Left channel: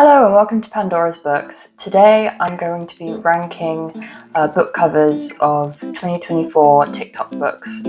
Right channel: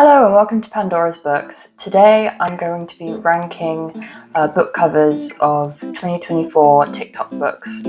Hello and welcome to Pandora's Books. Today I'm going to be ranking book covers of 2024 TikTok books.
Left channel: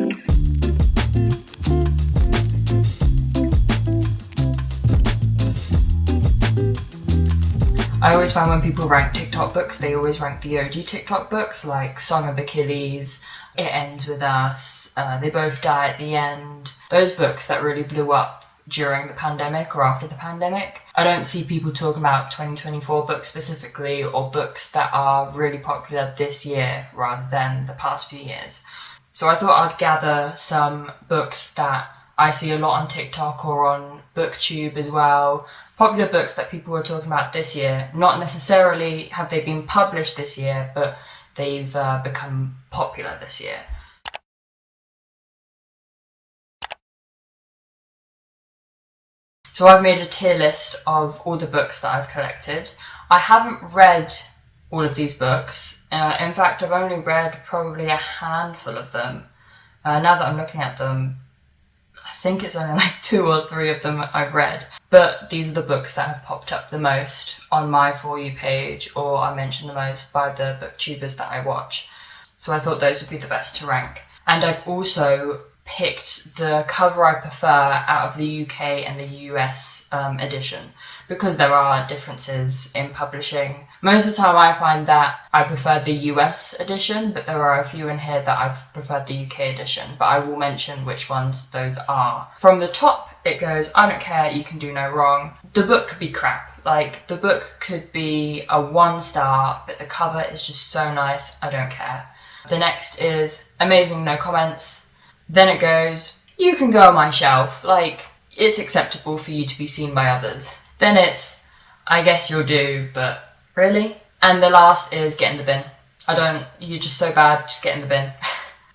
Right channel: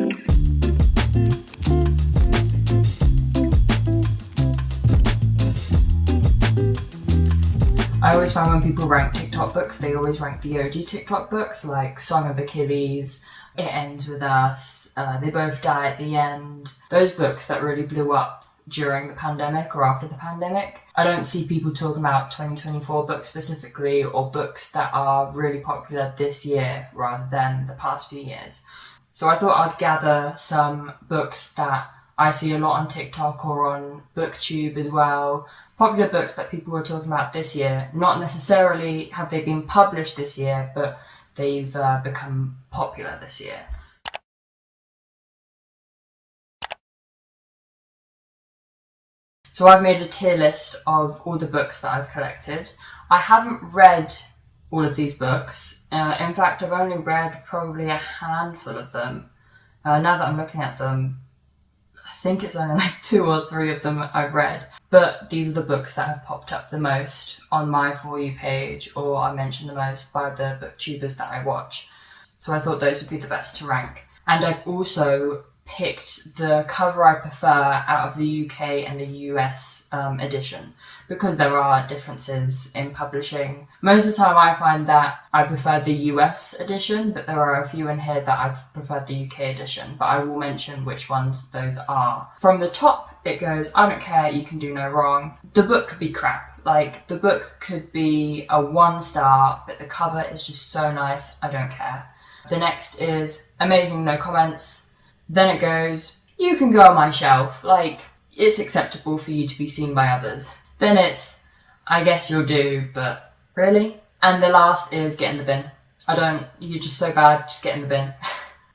I always find when people rank TikTok books, they always rank the OG TikTok books like Song of Achilles, It Ends With Us, They Both Die at the End. Those books that really blew up during the pandemic or after the pandemic. I don't see people talking about 2024 books specifically or books that are really popular this year rather than the past few years. So I thought I'd gather some books that I see a lot on TikTok or on BookTube as well. Popular books that people were talking about this year. Not necessarily have they been published this year, but they've become popular this year. So I've made a tier list of all the books that I've collected. I haven't read all of these books. In fact, I've only read probably a handful of them. Now that I'm looking at them, I think it's only like 2 or 3 of them I've read. But these are the books that have popped up the most on my For You page, or I mentioned the most by the booktubers that I watch. So I thought those would be the best to rank. And I've also picked the cover I prefer out of the UK and the US edition, because there are differences in publishing. Most of the time I find that I prefer the US edition, but there are a few in here that I've preferred the UK edition, but I will mention which ones those are. From the top it goes, I don't care, you can do no wrong. The book could be crap. Like, the book could be a 1 star, but the cover is just so nice, I don't care. The next is amazing, no comments. Then it goes, you can go on my shelf, like, it's acceptable for you to be seen by others. Then it's, I guess you'll do, but really? And the last is get in the bin. You're just so bad, just get in the bin.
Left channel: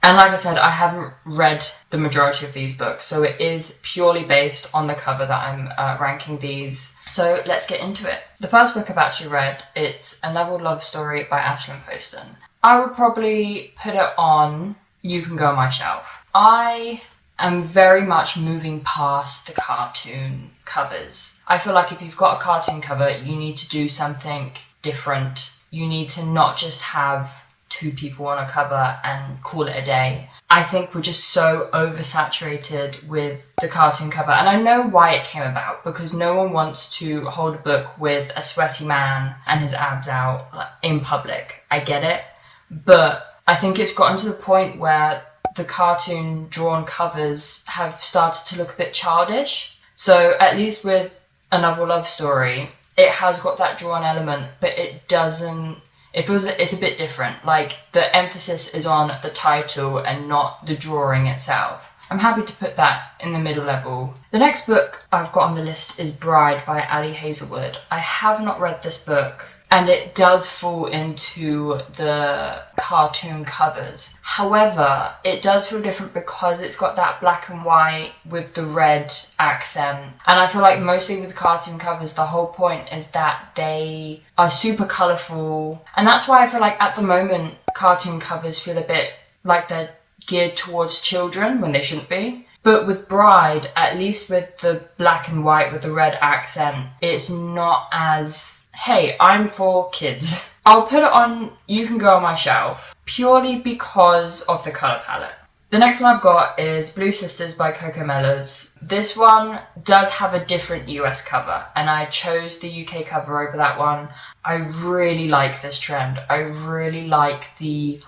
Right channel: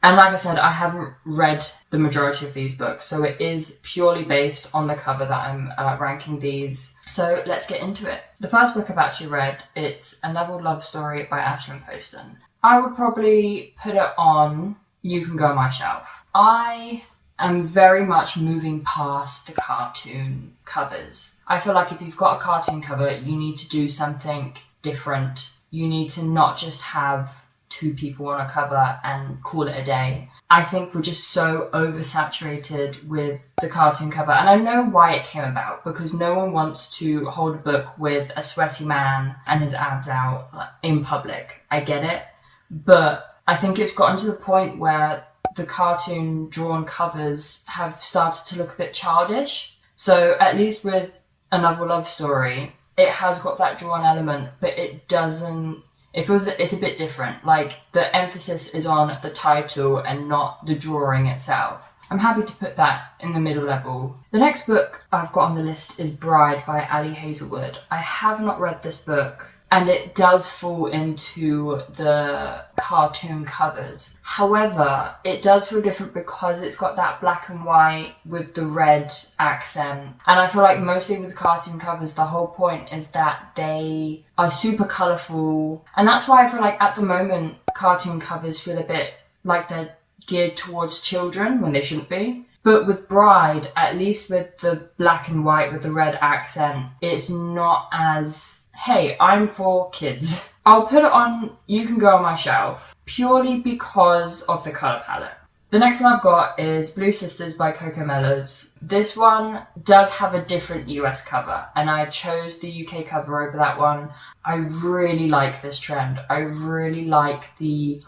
And like I said, I haven't read the majority of these books, so it is purely based on the cover that I'm ranking these. So let's get into it. The first book I've actually read, it's A Novel Love Story by Ashlyn Poston. I would probably put it on You Can Go on My Shelf. I am very much moving past the cartoon covers. I feel like if you've got a cartoon cover, you need to do something different. You need to not just have 2 people on a cover and call it a day. I think we're just so oversaturated with the cartoon cover. And I know why it came about, because no one wants to hold a book with a sweaty man and his abs out in public. I get it. But I think it's gotten to the point where the cartoon drawn covers have started to look a bit childish. So at least with A Novel Love Story, it has got that drawn element, but it's a bit different. Like, the emphasis is on the title and not the drawing itself. I'm happy to put that in the middle level. The next book I've got on the list is Bride by Ali Hazelwood. I have not read this book, and it does fall into the cartoon covers. However, it does feel different because it's got that black and white with the red accent. And I feel like mostly with cartoon covers, the whole point is that they are super colourful. And that's why I feel like at the moment, cartoon covers feel a bit like they're geared towards children when they shouldn't be. But with Bride, at least with the black and white with the red accent, it's not as, hey, I'm for kids. I'll put it on You Can Go on My Shelf purely because of the colour palette. The next one I've got is Blue Sisters by Coco Mellows. This one does have a different US cover, and I chose the UK cover over that one. I really like this trend. I really like the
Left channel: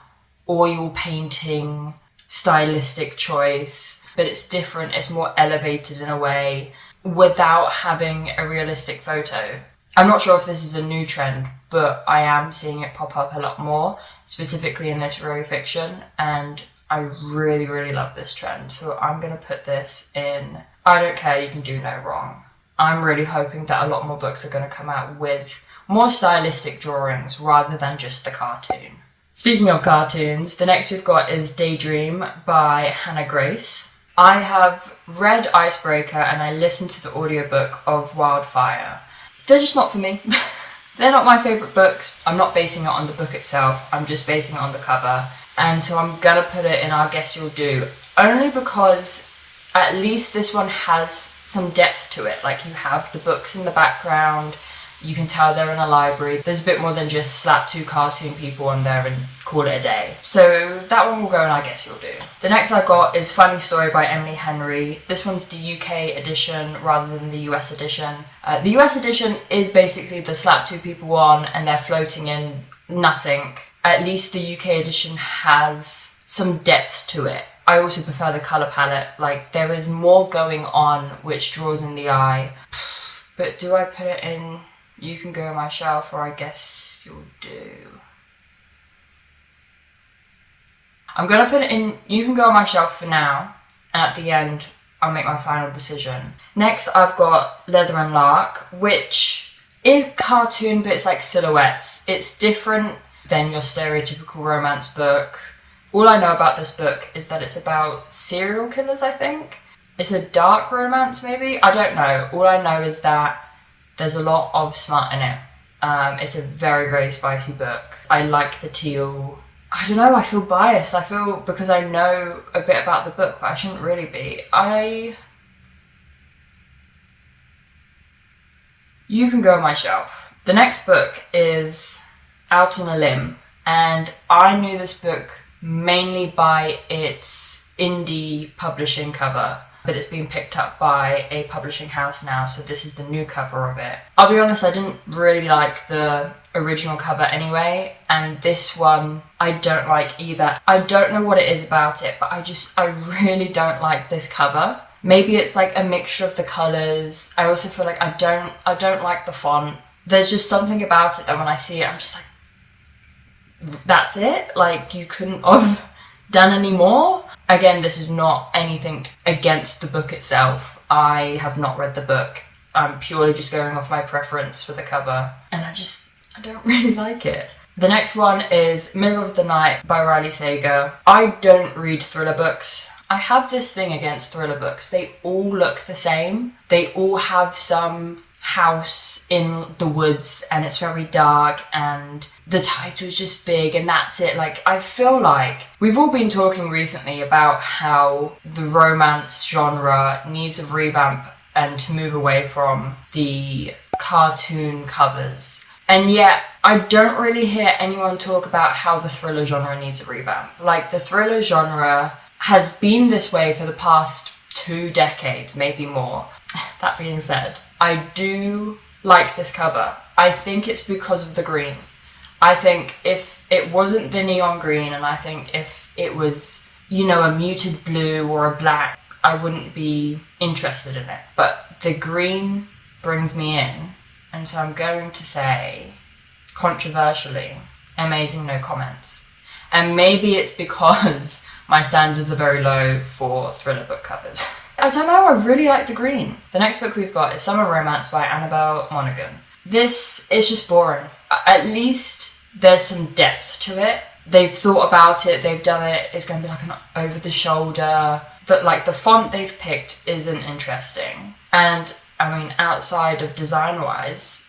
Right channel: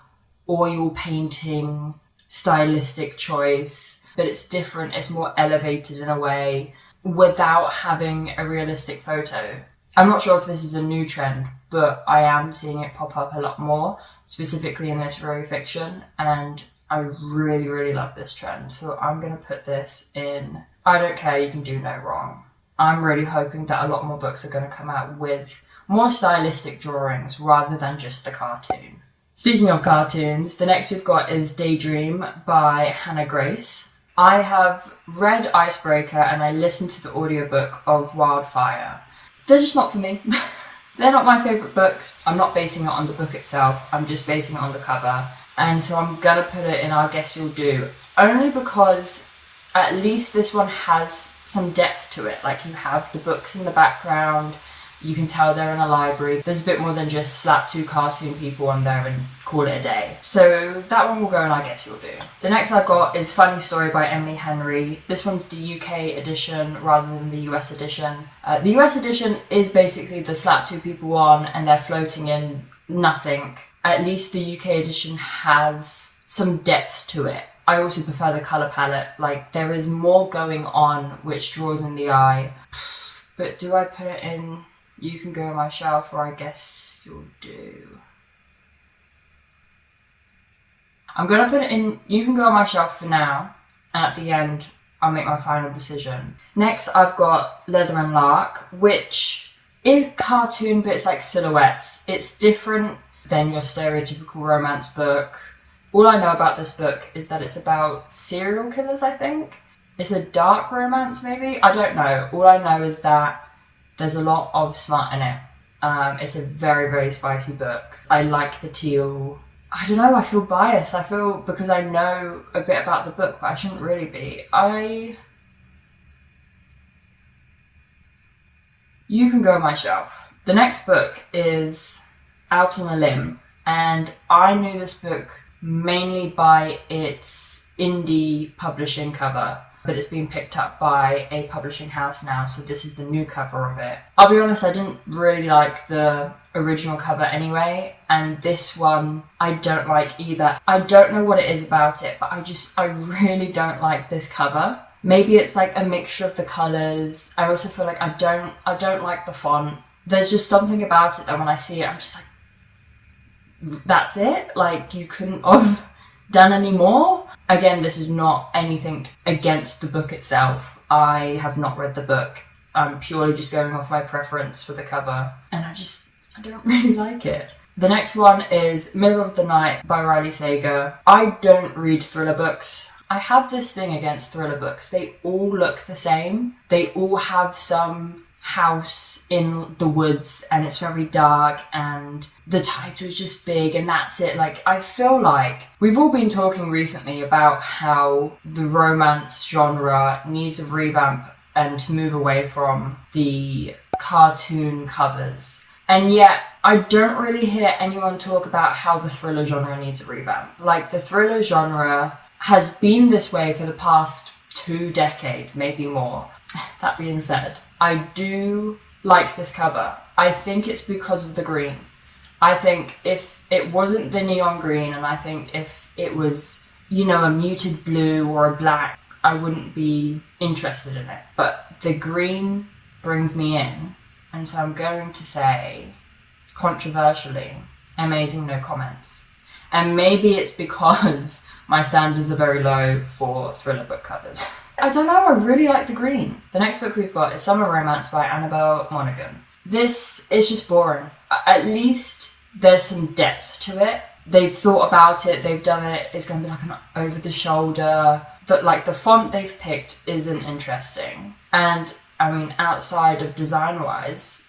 oil painting stylistic choice, but it's different, it's more elevated in a way without having a realistic photo. I'm not sure if this is a new trend, but I am seeing it pop up a lot more, specifically in literary fiction, and I really, really love this trend. So I'm going to put this in I don't care, you can do no wrong. I'm really hoping that a lot more books are going to come out with more stylistic drawings rather than just the cartoon. Speaking of cartoons, the next we've got is Daydream by Hannah Grace. I have read Icebreaker and I listened to the audiobook of Wildfire. They're just not for me. They're not my favourite books. I'm not basing it on the book itself, I'm just basing it on the cover. And so I'm gonna put it in I Guess You'll Do, only because at least this one has some depth to it. Like, you have the books in the background, You can tell they're in a library. There's a bit more than just slap 2 cartoon people on there and call it a day. So that one will go and I Guess You'll Do. The next I got is Funny Story by Emily Henry. This one's the UK edition rather than the US edition. The US edition is basically the slap 2 people on and they're floating in nothing. At least the UK edition has some depth to it. I also prefer the colour palette. Like, there is more going on which draws in the eye. But do I put it in You Can Go on My Shelf or I Guess You'll Do? I'm going to put it in You Can Go on My Shelf for now. And at the end, I'll make my final decision. Next, I've got Leather and Lark, which is cartoon, but it's like silhouettes. It's different than your stereotypical romance book. All I know about this book is that it's about serial killers, I think. It's a dark romance, maybe? I don't know. All I know is that there's a lot of smut in it. It's a very, very spicy book. I like the teal. I don't know, I feel biased. I feel because I know a bit about the book, but I shouldn't really be. You Can Go on My Shelf. The next book is Out on a Limb, and I knew this book mainly by its indie publishing cover, but it's been picked up by a publishing house now, so this is the new cover of it. I'll be honest, I didn't really like the original cover anyway, and this one I don't like either. I don't know what it is about it, but I really don't like this cover. Maybe it's like a mixture of the colours. I also feel like I don't like the font. There's just something about it that when I see it, I'm just like, that's it? Like, you couldn't have done any more? Again, this is not anything against the book itself. I have not read the book. I'm purely just going off my preference for the cover, and I don't really like it. The next one is Middle of the Night by Riley Sager. I don't read thriller books. I have this thing against thriller books. They all look the same. They all have some house in the woods and it's very dark and the title's just big and that's it. Like, I feel like we've all been talking recently about how the romance genre needs a revamp and to move away from the cartoon covers. And yet, I don't really hear anyone talk about how the thriller genre needs a revamp. Like, the thriller genre has been this way for the past 2 decades, maybe more. That being said, I do like this cover. I think it's because of the green. I think if it wasn't the neon green, and I think if it was, a muted blue or a black, I wouldn't be interested in it. But the green brings me in, and so I'm going to say, controversially, Amazing No Comments. And maybe it's because my standards are very low for thriller book covers. I don't know, I really like the green. The next book we've got is Summer Romance by Annabelle Monaghan. This is just boring. At least there's some depth to it. They've thought about it, they've done it, it's going to be like an over-the-shoulder. The font they've picked isn't interesting. And, outside of design-wise,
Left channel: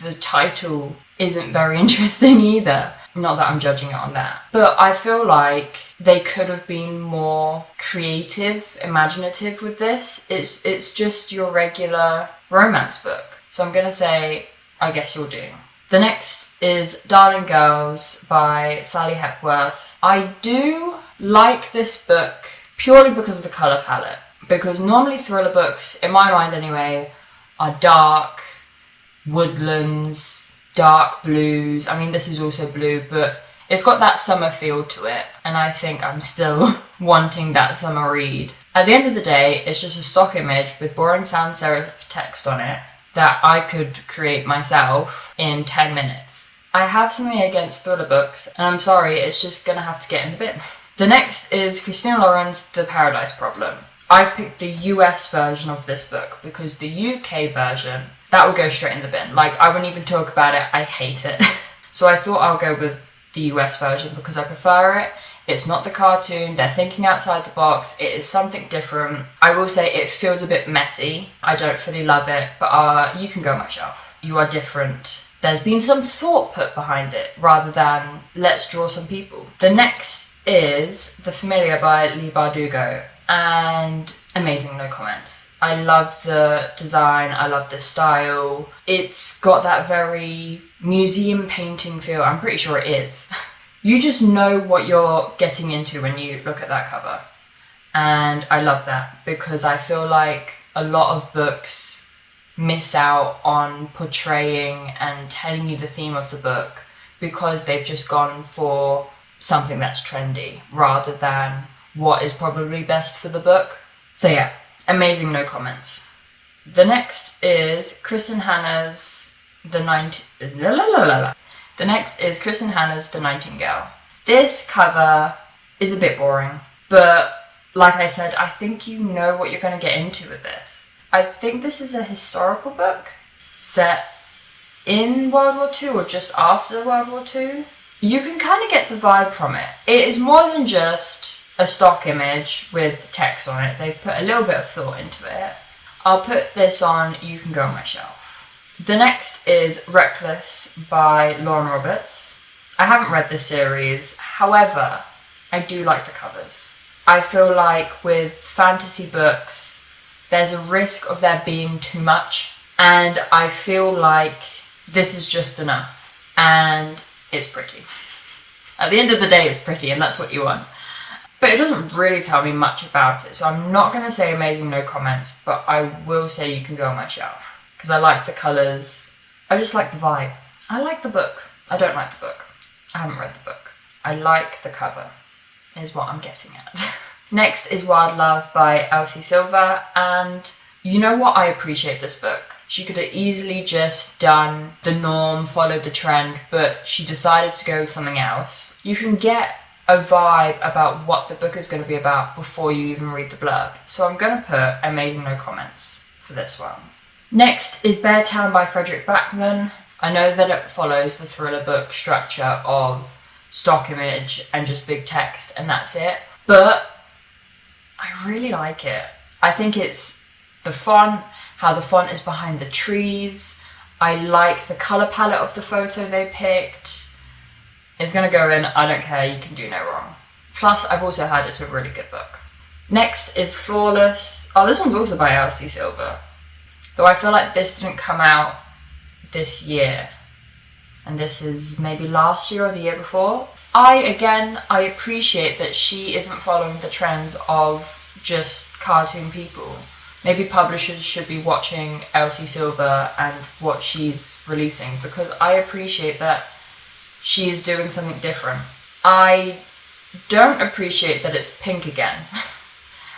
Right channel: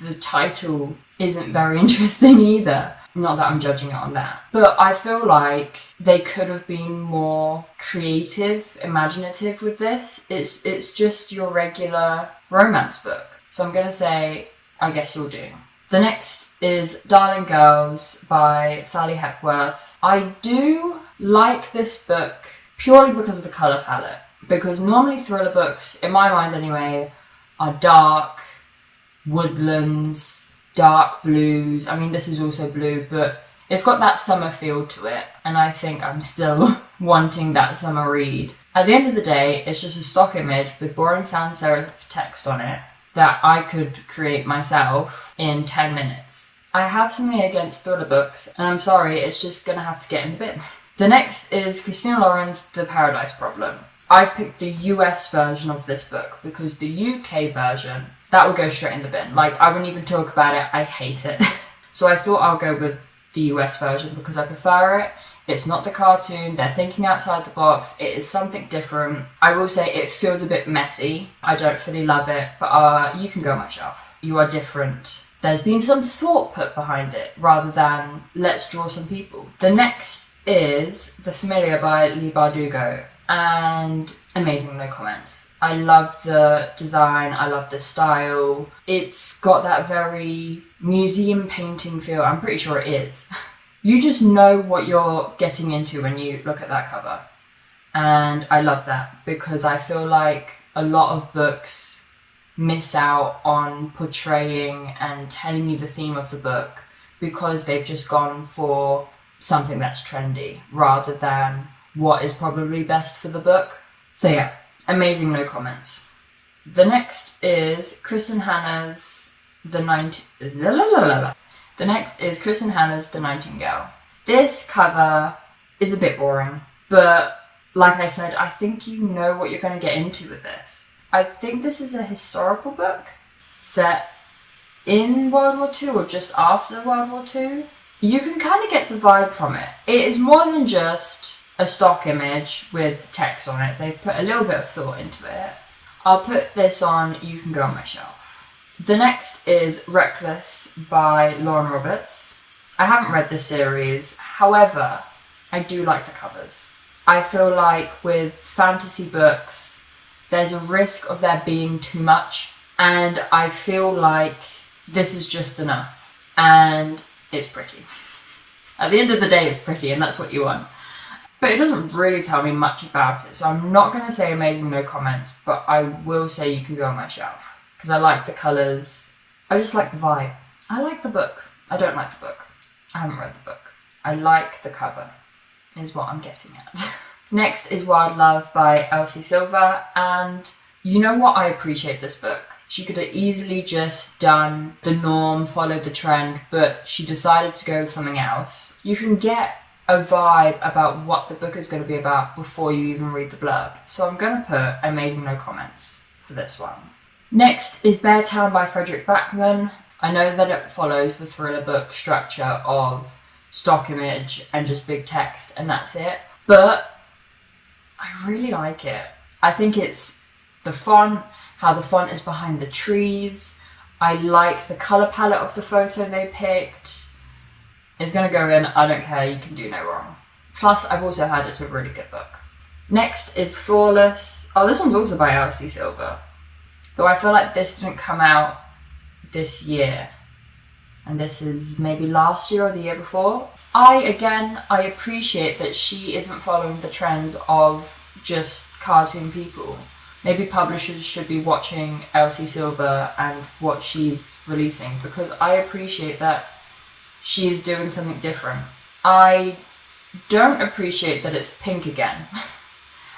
the title isn't very interesting either. Not that I'm judging it on that. But I feel like they could have been more creative, imaginative with this. It's just your regular romance book. So I'm going to say, I Guess You'll Do. The next is Darling Girls by Sally Hepworth. I do like this book purely because of the colour palette. Because normally thriller books, in my mind anyway, are dark, woodlands, dark blues. This is also blue, but it's got that summer feel to it, and I think I'm still wanting that summer read. At the end of the day, it's just a stock image with boring sans serif text on it that I could create myself in 10 minutes. I have something against thriller books, and I'm sorry, it's just gonna have to get in the bin. The next is Christina Lauren's The Paradise Problem. I've picked the US version of this book because the UK version, that would go straight in the bin. Like, I wouldn't even talk about it. I hate it. So I thought I'll go with the US version because I prefer it. It's not the cartoon. They're thinking outside the box. It is something different. I will say it feels a bit messy. I don't fully love it, but You Can Go on My Shelf. You are different. There's been some thought put behind it rather than let's draw some people. The next is The Familiar by Leigh Bardugo and Amazing No Comments. I love the design, I love the style. It's got that very museum painting feel. I'm pretty sure it is. You just know what you're getting into when you look at that cover. And I love that because I feel like a lot of books miss out on portraying and telling you the theme of the book because they've just gone for something that's trendy rather than what is probably best for the book. So yeah, amazing, no comments. The next is Kristen Hanna's The next is Kristen Hanna's The Nightingale. This cover is a bit boring, but like I said, I think you know what you're going to get into with this. I think this is a historical book set in World War II or just after World War II. You can kind of get the vibe from it. It is more than just a stock image with text on it. They've put a little bit of thought into it. I'll put this on You Can Go On My Shelf. The next is Reckless by Lauren Roberts. I haven't read this series, however, I do like the covers. I feel like with fantasy books, there's a risk of there being too much, and I feel like this is just enough, and it's pretty. At the end of the day, it's pretty, and that's what you want. But it doesn't really tell me much about it, so I'm not going to say amazing, no comments, but I will say You Can Go On My Shelf, because I like the colours, I just like the vibe. I like the book. I don't like the book. I haven't read the book. I like the cover, is what I'm getting at. Next is Wild Love by Elsie Silver, and you know what? I appreciate this book. She could have easily just done the norm, followed the trend, but she decided to go with something else. You can get a vibe about what the book is going to be about before you even read the blurb. So I'm going to put amazing no comments for this one. Next is Bear Town by Frederick Backman. I know that it follows the thriller book structure of stock image and just big text and that's it, but I really like it. I think it's the font, how the font is behind the trees. I like the colour palette of the photo they picked. It's going to go in, I don't care, you can do no wrong. Plus, I've also heard it's a really good book. Next is Flawless. Oh, this one's also by Elsie Silver. Though I feel like this didn't come out this year. And this is maybe last year or the year before. I appreciate that she isn't following the trends of just cartoon people. Maybe publishers should be watching Elsie Silver and what she's releasing, because I appreciate that she is doing something different. I don't appreciate that it's pink again.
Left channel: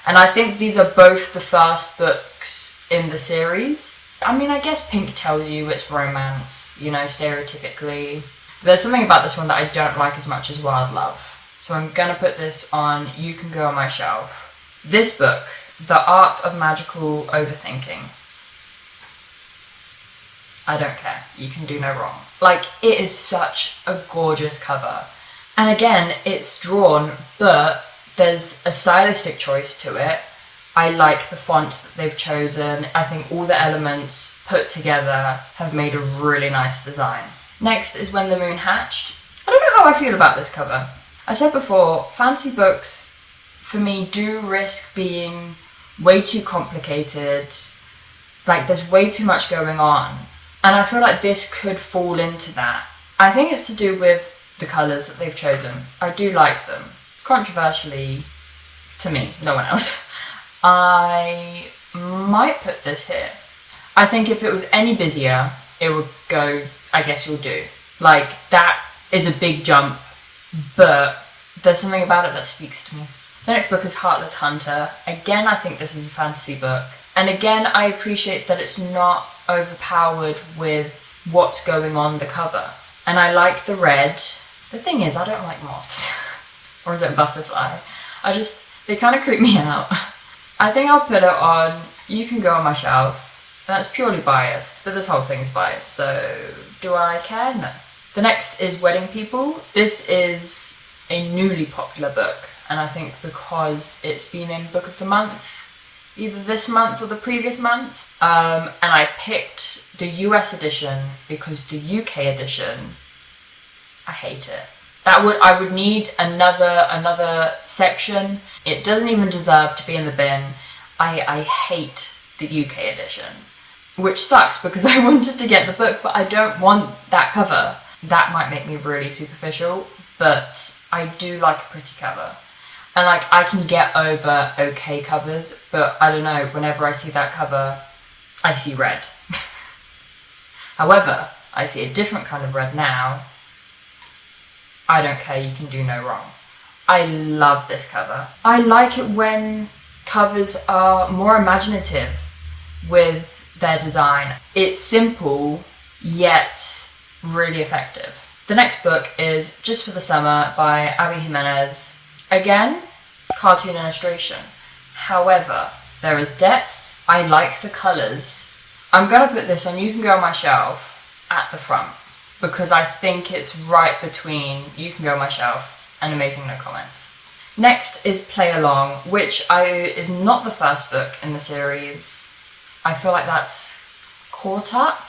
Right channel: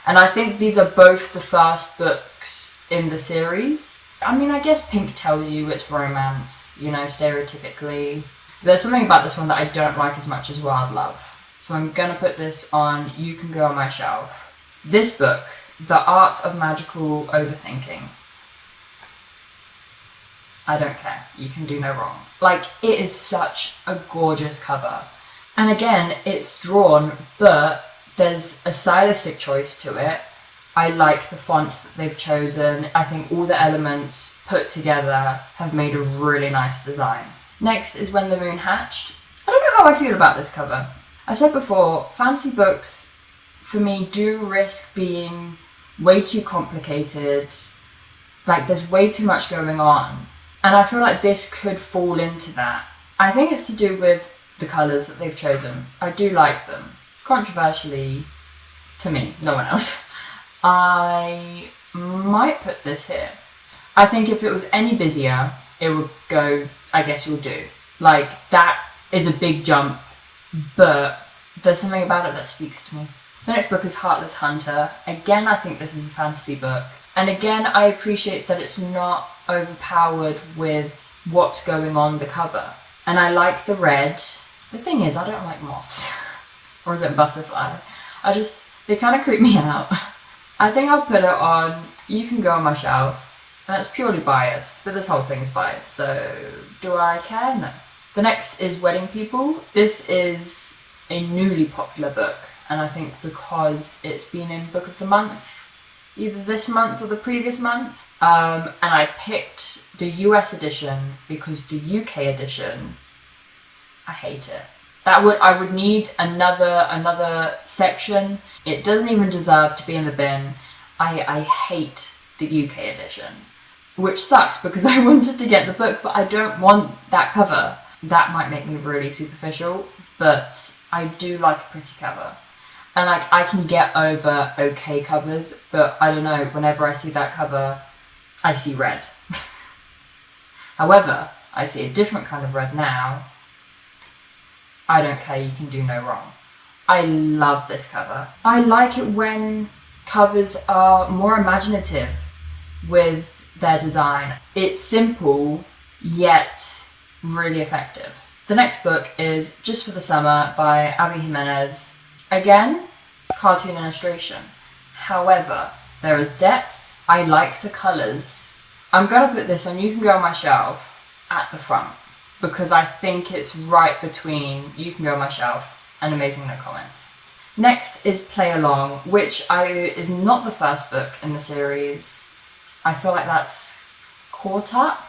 And I think these are both the first books in the series. I mean, I guess pink tells you it's romance, you know, stereotypically. There's something about this one that I don't like as much as Wild Love. So I'm gonna put this on You Can Go On My Shelf. This book, The Art of Magical Overthinking. I don't care. You can do no wrong. Like, it is such a gorgeous cover. And again, it's drawn, but there's a stylistic choice to it. I like the font that they've chosen. I think all the elements put together have made a really nice design. Next is When the Moon Hatched. I don't know how I feel about this cover. I said before, fantasy books, for me, do risk being way too complicated. Like, there's way too much going on. And I feel like this could fall into that. I think it's to do with the colours that they've chosen. I do like them. Controversially, to me, no one else. I might put this here. I think if it was any busier, it would go, I guess you'll do. Like, that is a big jump, but there's something about it that speaks to me. The next book is Heartless Hunter. Again, I think this is a fantasy book. And again, I appreciate that it's not overpowered with what's going on the cover. And I like the red. The thing is, I don't like moths. Or is it butterfly? They kind of creep me out. I think I'll put it on You Can Go On My Shelf. And that's purely biased, but this whole thing's biased, so do I care? No. The next is Wedding People. This is a newly popular book, and I think because it's been in Book of the Month, either this month or the previous month, and I picked the US edition because the UK edition, I hate it. I would need another section. It doesn't even deserve to be in the bin. I hate the UK edition, which sucks because I wanted to get the book, but I don't want that cover. That might make me really superficial, but I do like a pretty cover. And like, I can get over okay covers, but I don't know, whenever I see that cover, I see red. However, I see a different kind of red now. I don't care, you can do no wrong. I love this cover. I like it when covers are more imaginative with their design. It's simple, yet really effective. The next book is Just for the Summer by Abby Jimenez. Again, cartoon illustration. However, there is depth. I like the colours. I'm gonna put this on You Can Go on My Shelf at the front because I think it's right between You Can Go on My Shelf and Amazing No Comments. Next is Play Along, which is not the first book in the series. I feel like that's caught up.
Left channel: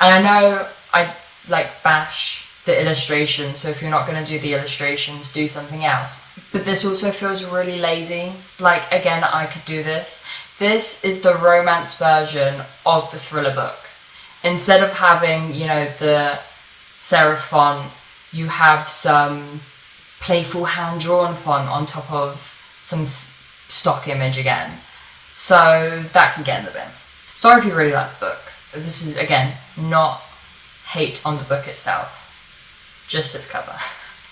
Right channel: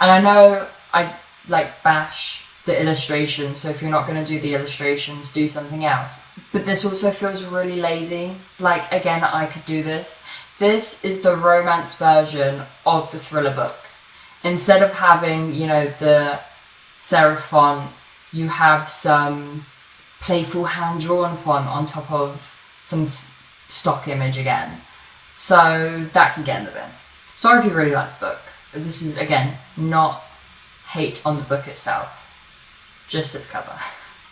And I know I like bash the illustrations, so if you're not going to do the illustrations, do something else. But this also feels really lazy. Like, again, I could do this. This is the romance version of the thriller book. Instead of having, you know, the serif font, you have some playful hand-drawn font on top of some stock image again. So that can get in the bin. Sorry if you really like the book. This is, again, not hate on the book itself, just its cover.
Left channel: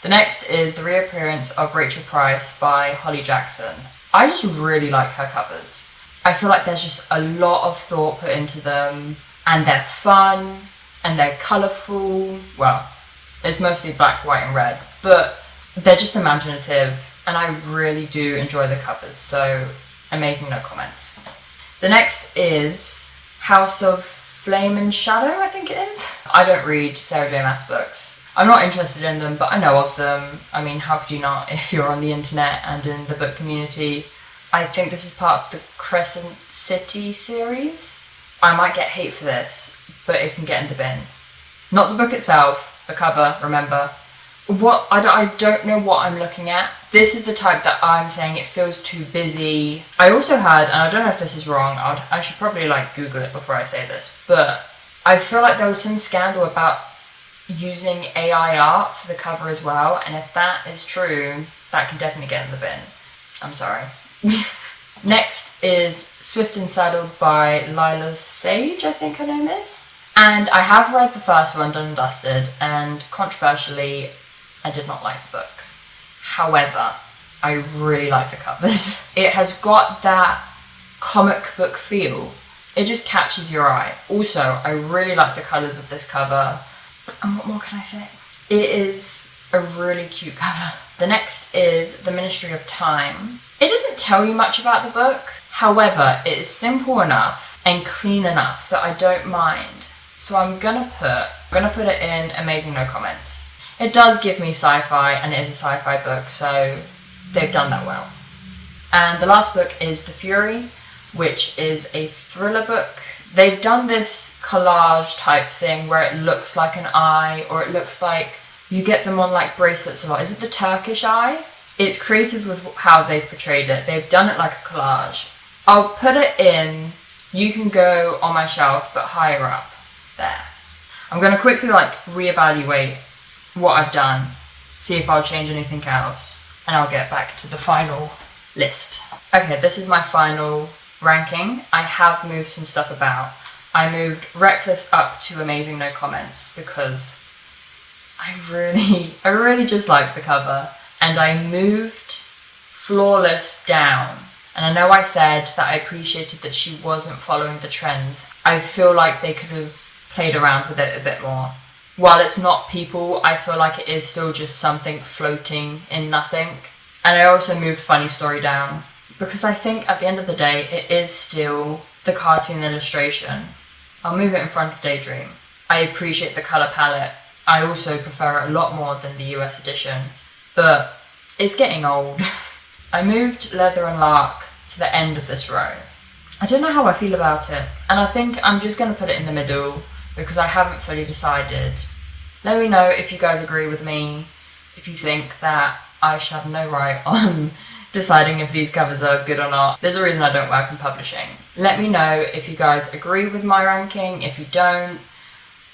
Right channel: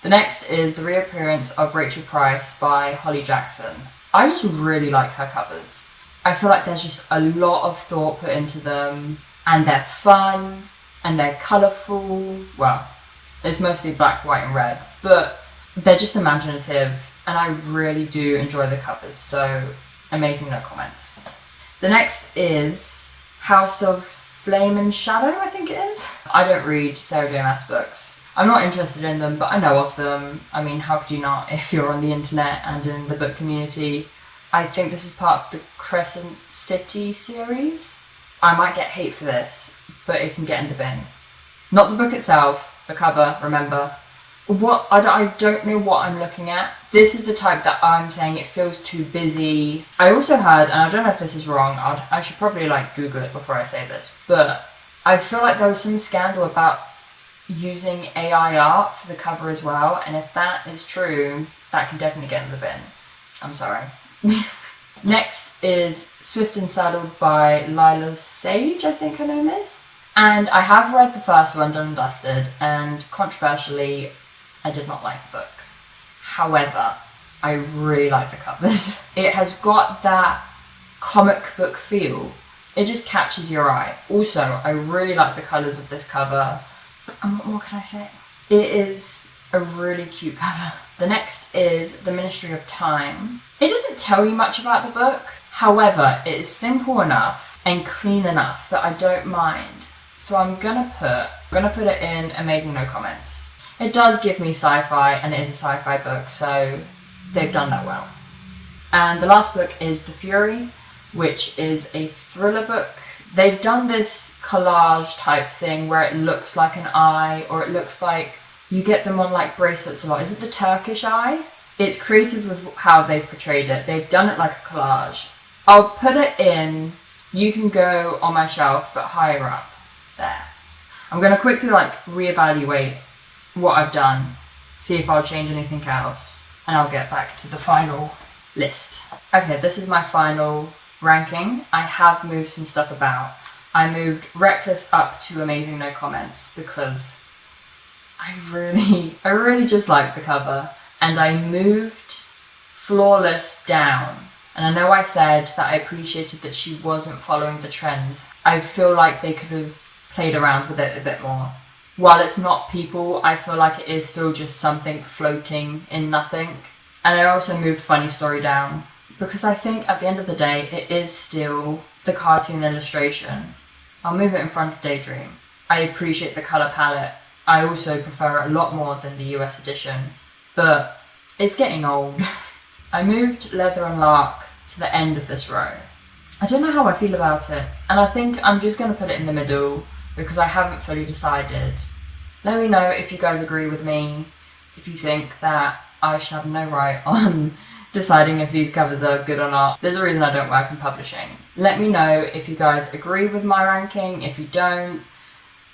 The next is the reappearance of Rachel Price by Holly Jackson. I just really like her covers. I feel like there's just a lot of thought put into them, and they're fun, and they're colourful. Well, it's mostly black, white and red, but they're just imaginative, and I really do enjoy the covers, so Amazing No Comments. The next is House of Flame and Shadow, I think it is. I don't read Sarah J Maas books. I'm not interested in them, but I know of them. I mean, how could you not if you're on the internet and in the book community? I think this is part of the Crescent City series. I might get hate for this, but it can get in the bin. Not the book itself, the cover, remember. I don't know what I'm looking at. This is the type that I'm saying it feels too busy. I also heard, and I don't know if this is wrong, I should probably like Google it before I say this, but I feel like there was some scandal about using AI art for the cover as well, and if that is true, that can definitely get in the bin. I'm sorry. Next is Swift and Saddled by Lila Sage, I think her name is. And I have read the first one, Done and Dusted, and controversially, I did not like the book. However, I really like the covers. It has got that comic book feel. It just catches your eye. Also, I really like the colours of this cover. And what more can I say? It is a really cute cover. The next is The Ministry of Time. It doesn't tell you much about the book. However, it is simple enough and clean enough that I don't mind. So I'm gonna put it in Amazing No Comments. It does give me sci-fi, and it is a sci-fi book, so they've done that well. And the last book is The Fury, which is a thriller book. They've done this collage type thing where it looks like an eye, or it looks like you get them on like bracelets a lot. Is it the Turkish eye? It's creative with how they've portrayed it. They've done it like a collage. I'll put it in You Can Go on My Shelf, but higher up. There. I'm going to quickly like reevaluate what I've done, see if I'll change anything else, and I'll get back to the final list. Okay, this is my final ranking. I have moved some stuff about. I moved Reckless up to Amazing No Comments because I really just like the cover. And I moved Flawless down. And I know I said that I appreciated that she wasn't following the trends. I feel like they could have played around with it a bit more. While it's not people, I feel like it is still just something floating in nothing. And I also moved Funny Story down because I think at the end of the day, it is still the cartoon illustration. I'll move it in front of Daydream. I appreciate the colour palette. I also prefer it a lot more than the US edition, but it's getting old. I moved Leather and Lark to the end of this row. I don't know how I feel about it, and I think I'm just going to put it in the middle because I haven't fully decided. Let me know if you guys agree with me, if you think that I should have no right on deciding if these covers are good or not. There's a reason I don't work in publishing. Let me know if you guys agree with my ranking, if you don't.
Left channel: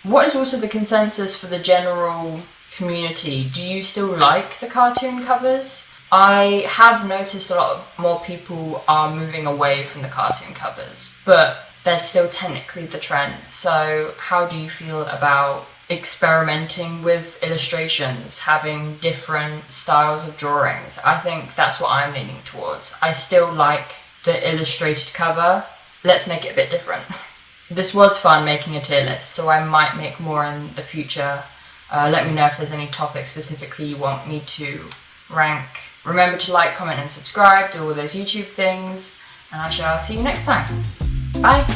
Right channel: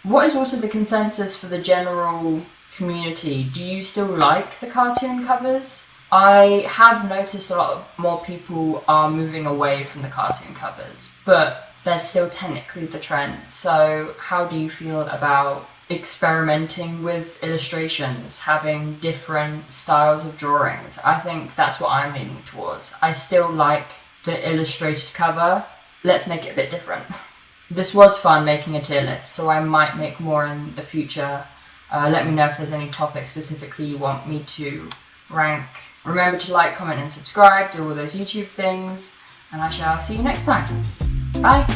What is also the consensus for the general community? Do you still like the cartoon covers? I have noticed a lot more people are moving away from the cartoon covers, but they're still technically the trend. So how do you feel about experimenting with illustrations, having different styles of drawings? I think that's what I'm leaning towards. I still like the illustrated cover. Let's make it a bit different. This was fun making a tier list, so I might make more in the future. Let me know if there's any topics specifically you want me to rank. Remember to like, comment and subscribe, do all those YouTube things, and I shall see you next time. Bye!